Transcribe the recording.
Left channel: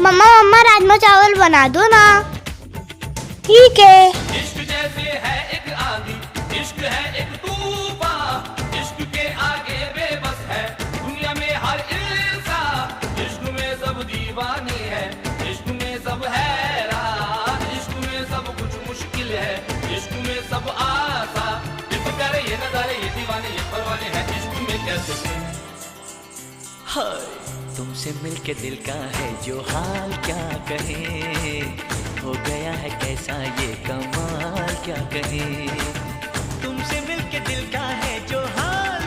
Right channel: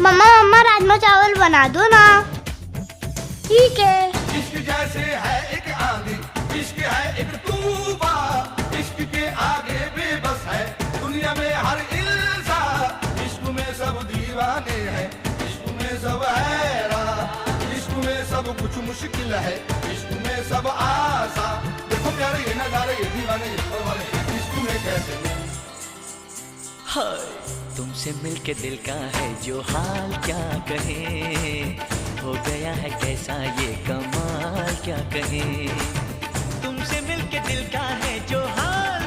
मम्मा मम्मा राजमा चावल बना दो ना। ठीक है। इश्क जैसे है एक आंधी, इश्क है एक तूफान, इश्क के आगे बेबस है दुनिया में हर इंसान। इश्क में सब दीवाने हैं, इश्क में सब हैरान, इश्क में सब कुछ मुश्किल है, इश्क में सब आसान। देखो प्यारे ये नजारे, ये दीवाने ये परवाने हैं, इश्क में कैसे हाय तुमसे मिलके दिल का है जो हाल क्या कहे, हो गया है कैसा ये कमाल क्या कहे। तुमसे मिलके दिल का है जो हाल